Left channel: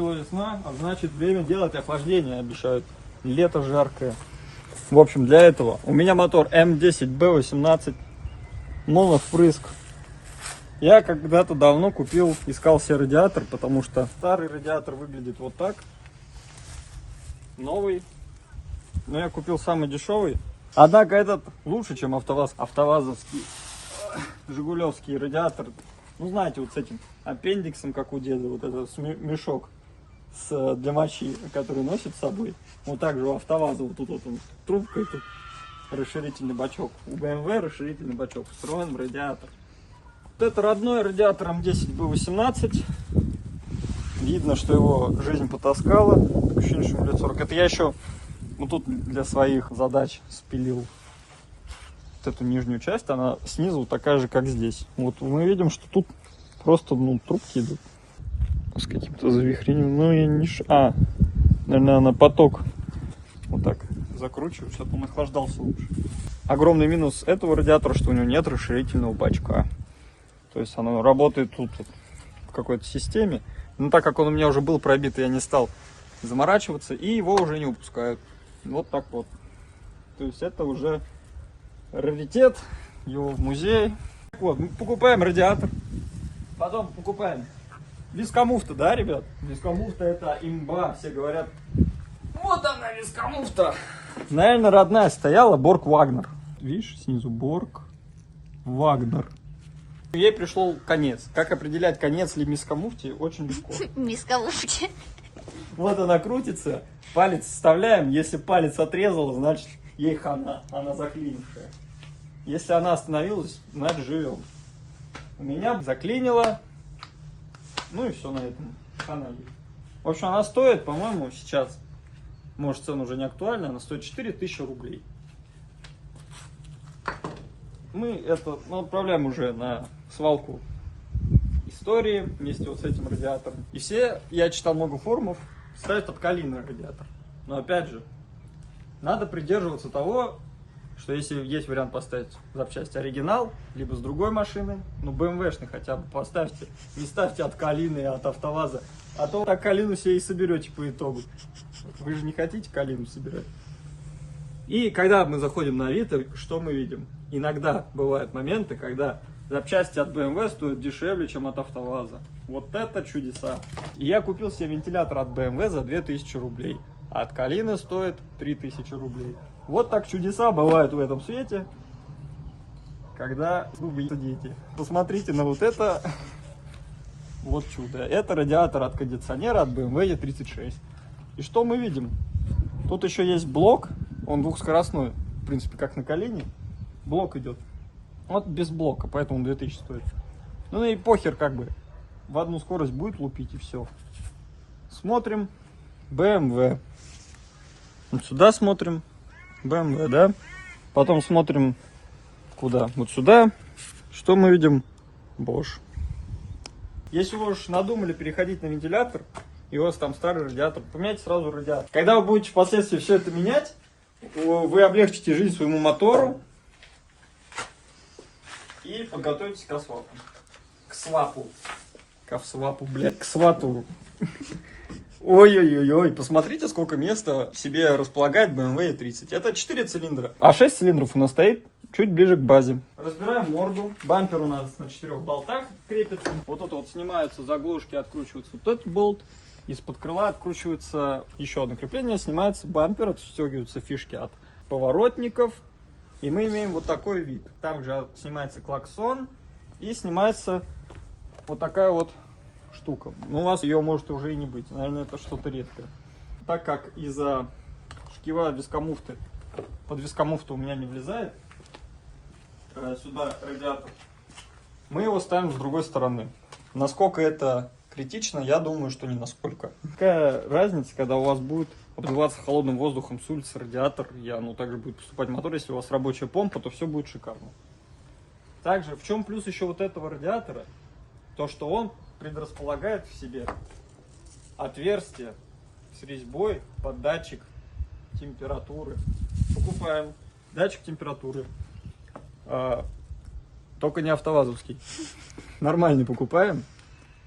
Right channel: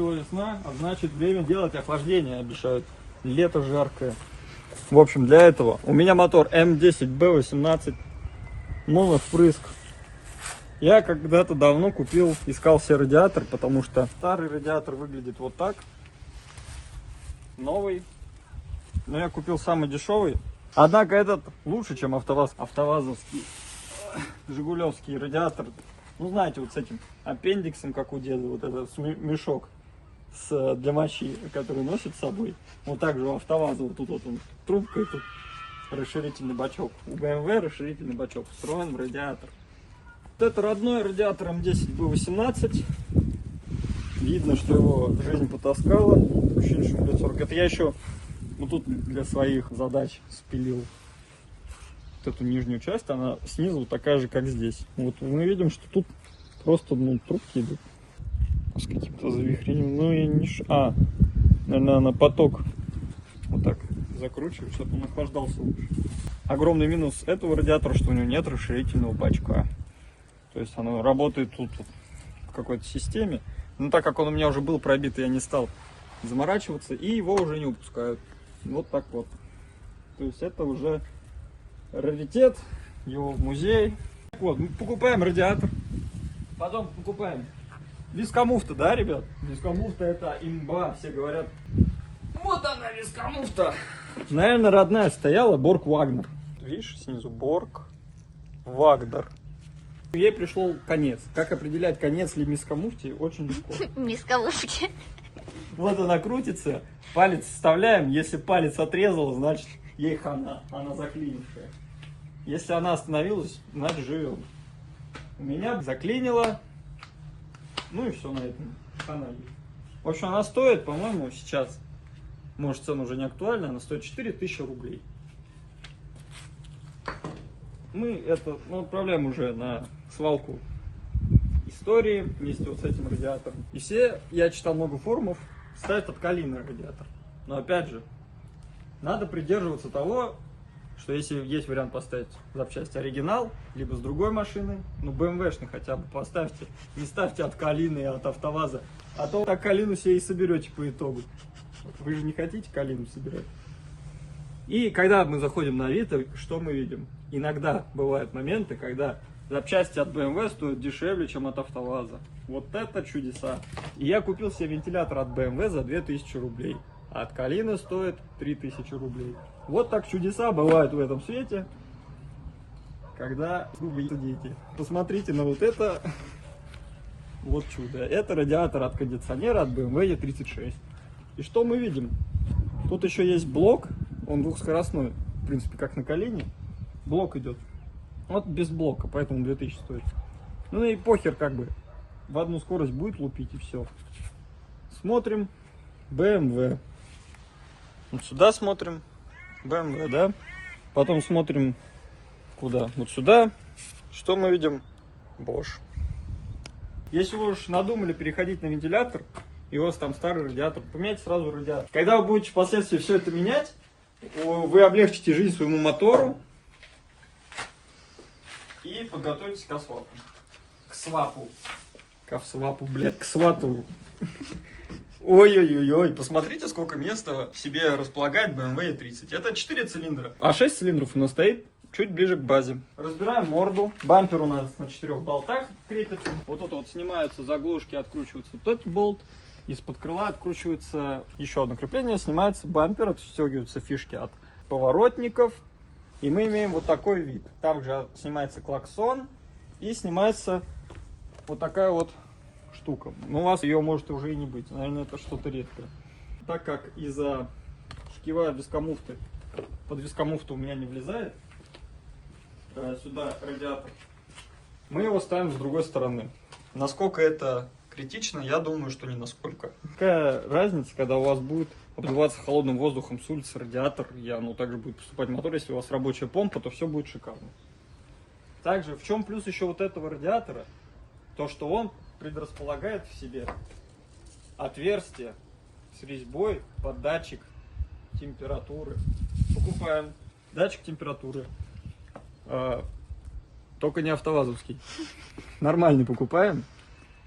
наступила весна, а значит время делать охлаждение, обещают. Лето жаркое. В общем, для этого у меня мотор М10Б18, моновпрыск. Я когда-то давно купил, искал себе радиатор, потому что старый радиатор выглядит вот так. Новый. Но я купил самый дешевый. Однако этот лучше, чем АвтоВАЗ. АвтоВАЗовский, жигулевский радиатор. Ну, знаете, вот с этим аппендиксом, как у деда, вот этот мешок для мочи, который носит с собой. Вот так же у АвтоВАЗа, вот тут вот он, трубка и тут расширительный бачок. У BMW расширительный бачок встроен в радиатор. Вот это родной радиатор М10Б18. Видно, что его жизнь потаскала. Так ощущение, что ему лет 40. Это я еще вот тут для своих задач спилил вот эту нижнюю часть. Она снизу такая же, как здесь. Вот мы видим, что тут просто трубки идут с каким-то завихрением. Ну и не наверное, на поток вот так закручиваю, чтобы он охлаждался лучше. Огромный минус этого радиатора, что у него нет расширительного бачка. То есть оно работает тут в какой-то системе. Но так как он у меня уже был пробит, я не стал заморачиваться, и его уже не выпускают. Вот так вот. То есть это уже раритет, его в музей. Вот, мы покупаем радиатор, потом покупаем вискомуфта, да, ребят? Вискомуфта это имба, все говорят. Вот она, вискомуфта. Наверное, родная стояла Борг Вагнер. Видишь, снизу Борг Вагнер. Ей пришел конец. Как определять конец ли вискомуфте, очень легко. Вискомуфте. Вот она крутится, палец вставляем. Если палец отрезал, значит ей хана, она заклинившая. Если она остановилась, значит живем. У меня заклинило. Ну и все на этом. Хана. В общем, она стоит, по-моему, сейчас, может, цена уже не актуальна, она стоит 4000 рублей. Мы это отправляем уже на свалку истории вместе вот с этим радиатором. И все, я читал много форумов, ставят подкалийный радиатор. Но опять же, надо придерживаться того, что если есть вариант поставить запчасти оригинал, либо с другой машины, ну BMW-шный хотя бы поставьте, не ставьте от Калины, от АвтоВАЗа, а то так Калину себе и соберете по итогу. Вы же не хотите Калину собирать. И когда мы заходим на Авито, что мы видим? Иногда бывают моменты, когда запчасти от BMW стоят дешевле, чем от АвтоВАЗа. Вот это чудеса. И я купил себе вентилятор от BMW за 2000 рублей, а от Калины стоит 3000 рублей. Вот так чудеса бывают в этом свете, когда вы сидите. Посмотрите на вот это. Вот чудо. Это радиатор от кондиционера от BMW E36. И что мы видим? Тут еще есть блок. Он двухскоростной, в принципе, как на Калине. Блок идет. Вот без блока, поэтому 2000 стоит. Ну и похер, как бы. В одну скорость будет лупить и все. Смотрим. BMW. Вот сюда смотрим. BMW, да? Потом смотрим куда? Вот сюда. Что мы видим? Bosch. Если вы уж надумали переходить на вентилятор, и у вас там старый радиатор, поменяйте сразу радиатор. Когда вы будете впоследствии все это менять, вы облегчите жизнь своему мотору и подготовитесь к свапу. К свапу. К свапу, блядь, к свату. Ой-ой-ой, посмотрите, сколько места в себе располагает BMW E30. Это 4 цилиндра. А 6 цилиндров у нас стоит чуть ближе к базе. Разбираем морду. Бампер у нас на 4 болтах крепится. Вот это вот снимаются заглушки, откручивается вот этот болт. Из-под крыла откручивается еще одно крепление, снимается бампер, отстегиваются фишки от поворотников. И мы имеем вот такой вид. Там же снимается клаксон и снимается вот такая вот штука. Но у вас ее может уже и не быть. Наверное, это что-то редкое. Так как из-за шкива вискомуфты, под вискомуфту у меня не влезает, сюда радиатор, мы его ставим с другой стороны. Насколько это критично, я думаю, что не насколько. Какая разница, когда у вас будет обдуваться холодным воздухом с улицы радиатор, также будет поступать мотор, если у вас рабочая помпа, то все будет шикарно. Также, в чем плюс еще вот этого радиатора? То, что он предрасполагает в себе отверстие с резьбой под датчик температуры. Покупаем датчик температуры. Только не АвтоВАЗовский. Нормальный покупаем.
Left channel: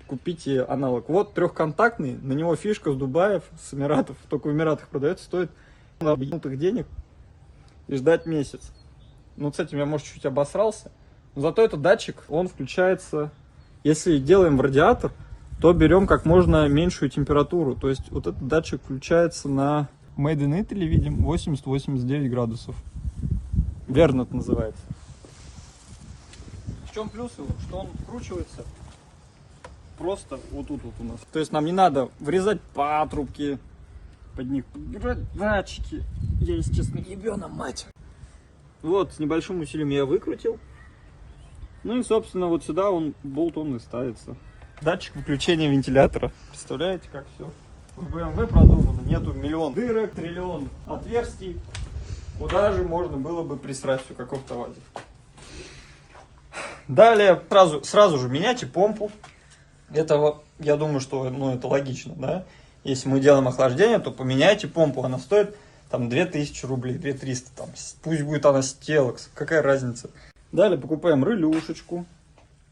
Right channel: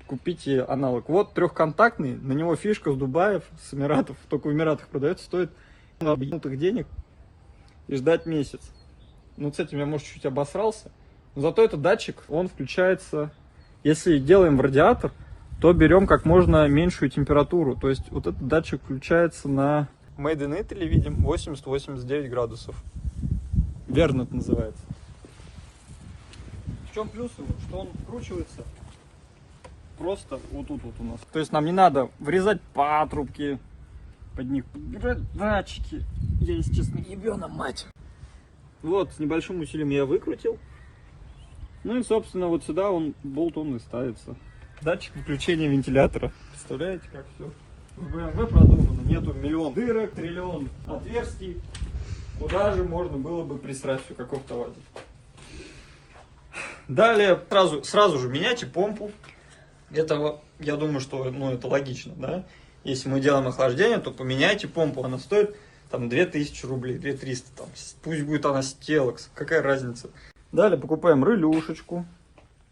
купите аналог. Вот трехконтактный, на него фишка с Дубаев, с Эмиратов, только в Эмиратах продается, стоит объемных денег и ждать месяц. Ну, с этим я, может, чуть обосрался. Но зато этот датчик, он включается, если делаем в радиатор, то берем как можно меньшую температуру. То есть вот этот датчик включается на Made in Italy, видим, 80-89 градусов. Вернет называется. В чем плюс его? Что он вкручивается просто вот тут вот у нас. То есть нам не надо вырезать патрубки, под них подбирать датчики. Я, естественно, ебёна мать. Вот, с небольшим усилием я выкрутил. Ну и, собственно, вот сюда болт и ставится. Датчик выключения вентилятора. Представляете, как все в BMW продумано. Нету миллион дырок, триллион отверстий. Куда же можно было бы присрать все, как в автовазе. Далее, сразу же меняйте помпу. Это, я думаю, что это логично, да? Если мы делаем охлаждение, то поменяйте помпу. Она стоит там 2000 рублей, 2300. Там, пусть будет она Стелокс, какая разница. Далее покупаем релюшечку.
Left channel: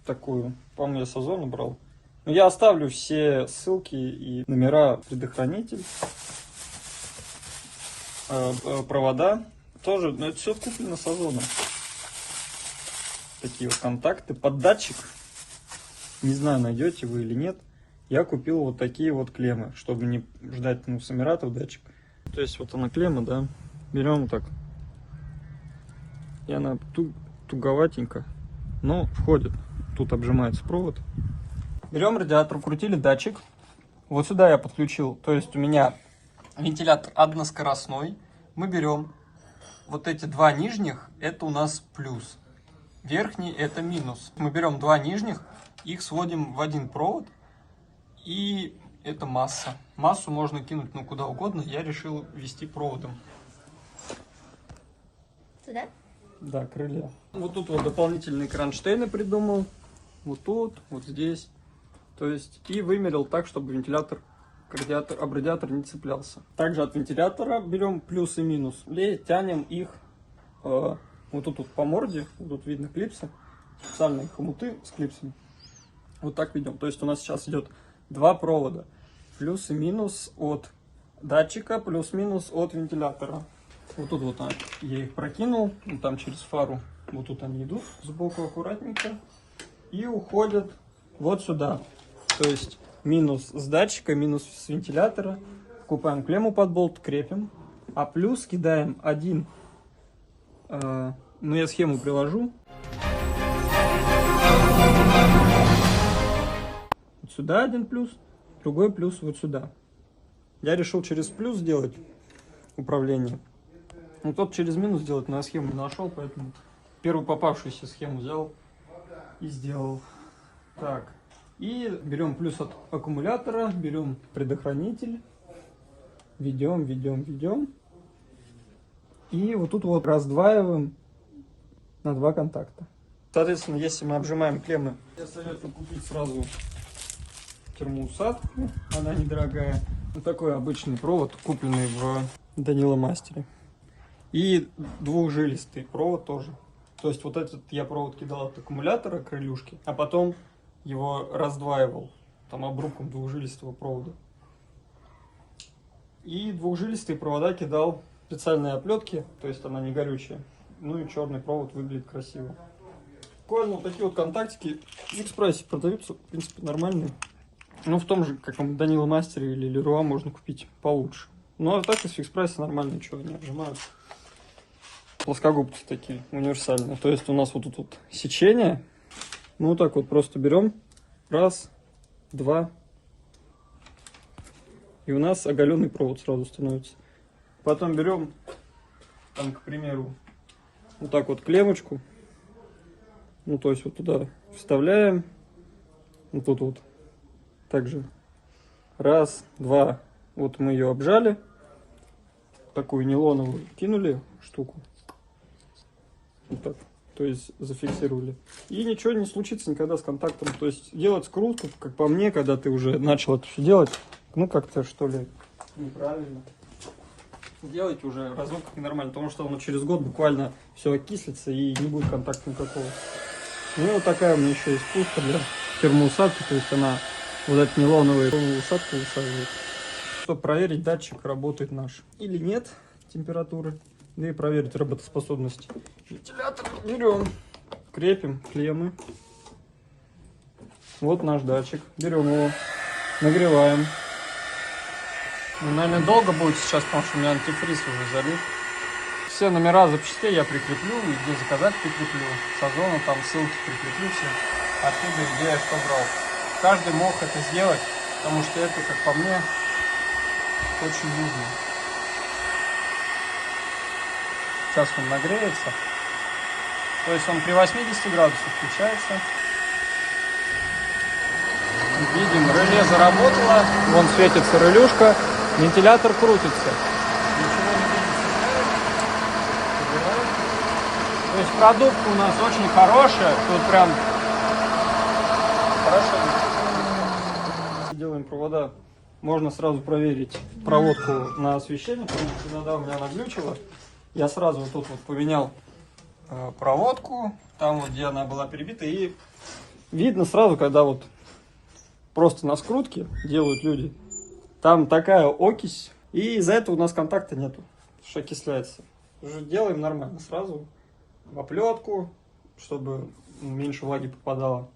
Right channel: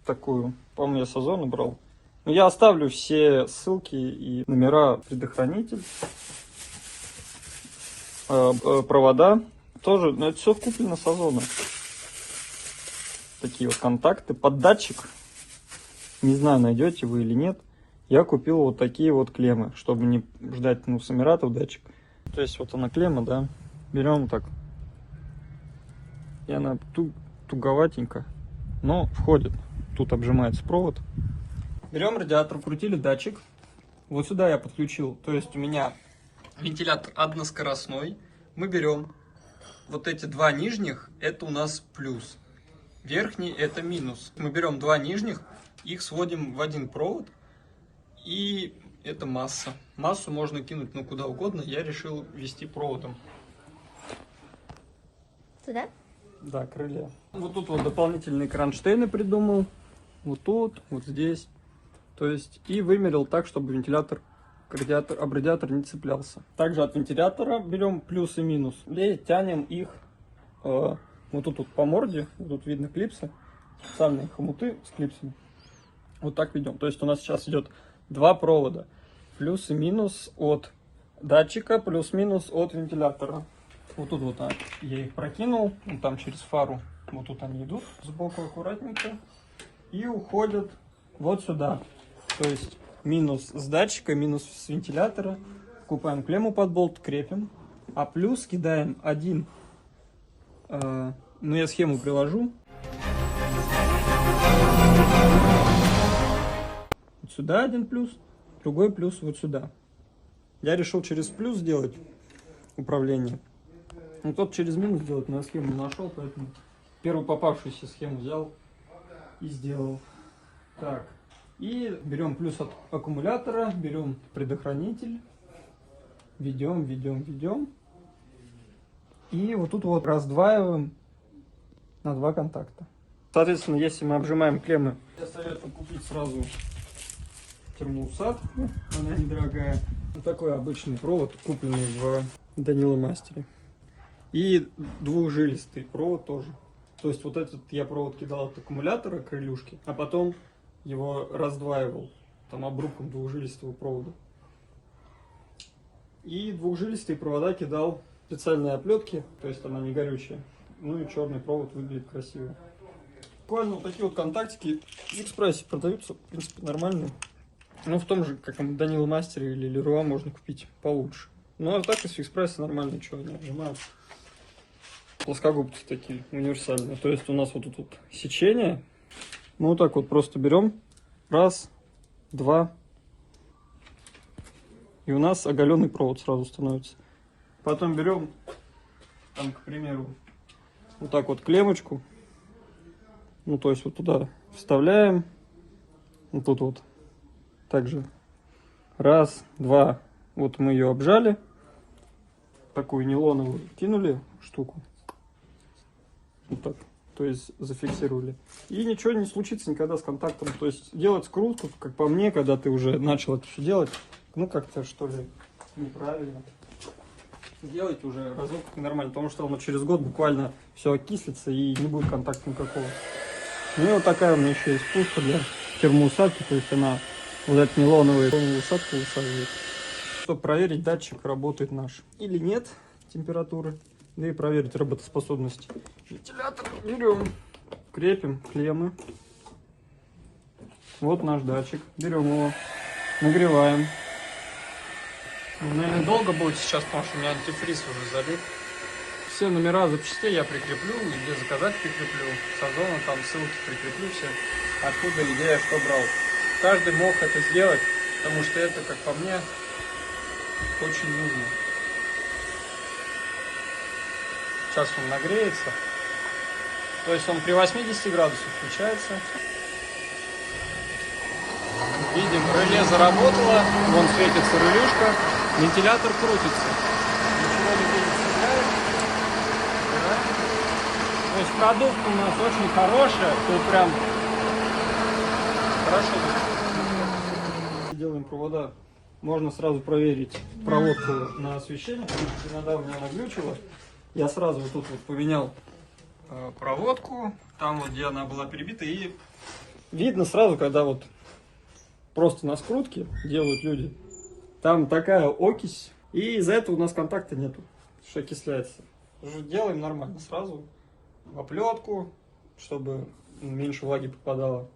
Такую, по-моему, я с Озона брал. Но я оставлю все ссылки и номера, предохранитель. Провода. Тоже, но это все куплено с Озона. Такие вот контакты под датчик. Не знаю, найдете вы или нет. Я купил вот такие вот клеммы, чтобы не ждать с Эмиратов датчик. То есть вот она клемма, да. Берем так. И она туговатенько, но входит. Тут обжимается провод. Берем радиатор, крутили датчик. Вот сюда я подключил. То есть у меня вентилятор односкоростной. Мы берем вот эти два нижних, это у нас плюс. Верхний это минус. Мы берем два нижних, их сводим в один провод. И это масса. Массу можно кинуть куда угодно. Я решил вести проводом. Сюда? Да, крылья. Вот тут вот дополнительные кронштейны придумал. Вот тут, вот здесь. То есть и вымерил так, чтобы вентилятор об радиатор не цеплялся. Также от вентилятора берем плюс и минус. И тянем их вот тут вот по морде. Вот тут видно клипсы. Специальные хомуты с клипсами. Вот так ведем. То есть у нас сейчас идет два провода. Плюс и минус от датчика, плюс-минус от вентилятора. Вот тут вот я их прокинул, и там через фару, вот тут они идут, сбоку аккуратненько, и уходят вот сюда. То есть минус с датчика, минус с вентилятора. Купаем клемму под болт, крепим, а плюс кидаем один, я схему приложу. Вот сюда один плюс, другой плюс вот сюда. Я решил через плюс сделать управление. Ну, тот через минус делать, но я схему не нашел, поэтому первую попавшуюся схему взял и сделал. Так, и берем плюс от аккумулятора, берем предохранитель, ведем. И вот тут вот раздваиваем на два контакта. Соответственно, если мы обжимаем клеммы, я советую купить сразу термоусадку, она недорогая. Вот такой обычный провод, купленный в Данила Мастере. И двухжилистый провод тоже. То есть вот этот я провод кидал от аккумулятора к крылюшке, а потом его раздваивал там обрубком двухжилистого провода. И двухжилистые провода кидал в специальные оплетки, то есть она не горючая. Ну и черный провод выглядит красиво. Буквально вот такие вот контактики в Экспрессе продаются, в принципе, нормальные. Ну, в том же, как в Данила Мастере или Леруа можно купить получше. Ну, а так из Экспресса нормально, что они отжимают. Плоскогубки такие, универсальные. То есть у нас вот тут сечение. Ну, вот так вот просто берем. Раз, два. И у нас оголенный провод сразу становится. Потом берем, там, к примеру, вот так вот клеммочку. Ну, то есть вот туда вставляем. Вот тут вот. Также раз, два. Вот мы ее обжали. Такую нейлоновую кинули штуку. Вот так. То есть зафиксировали. И ничего не случится никогда с контактом. То есть делать скрутку, как по мне, когда ты уже начал это все делать, ну как-то что ли неправильно. Делайте уже разок нормально, потому что оно через год буквально все окислится и не будет контакта никакого. Ну вот такая у меня еще есть пушка для термоусадки, то есть она вот этот нейлоновый усадку усаживает. Чтобы проверить, датчик работает наш или нет температуры. Да и проверить работоспособность вентилятора. Берем, крепим клеммы. Вот наш датчик. Берем его, нагреваем. Ну, наверное, долго будет сейчас, потому что у меня антифриз уже залит. Все номера запчастей я прикреплю, и где заказать прикреплю. С Озона там ссылки прикреплю все, откуда, где я что брал. Каждый мог это сделать, потому что это, как по мне, очень нужно. Сейчас он нагреется. То есть он при 80 градусах включается. Видим, реле заработало. Вон светится релюшка. Вентилятор крутится. То есть продукт у нас очень хороший. Тут прям хороший. Делаем провода. Можно сразу проверить проводку на освещение. Видите, иногда у меня наглючило. Я сразу вот тут вот поменял проводку. Там вот, где она была перебита. И видно сразу, когда вот просто на скрутке делают люди. Там такая окись. И из-за этого у нас контакта нету. Что окисляется. Уже делаем нормально. Сразу в оплетку, чтобы меньше влаги попадало.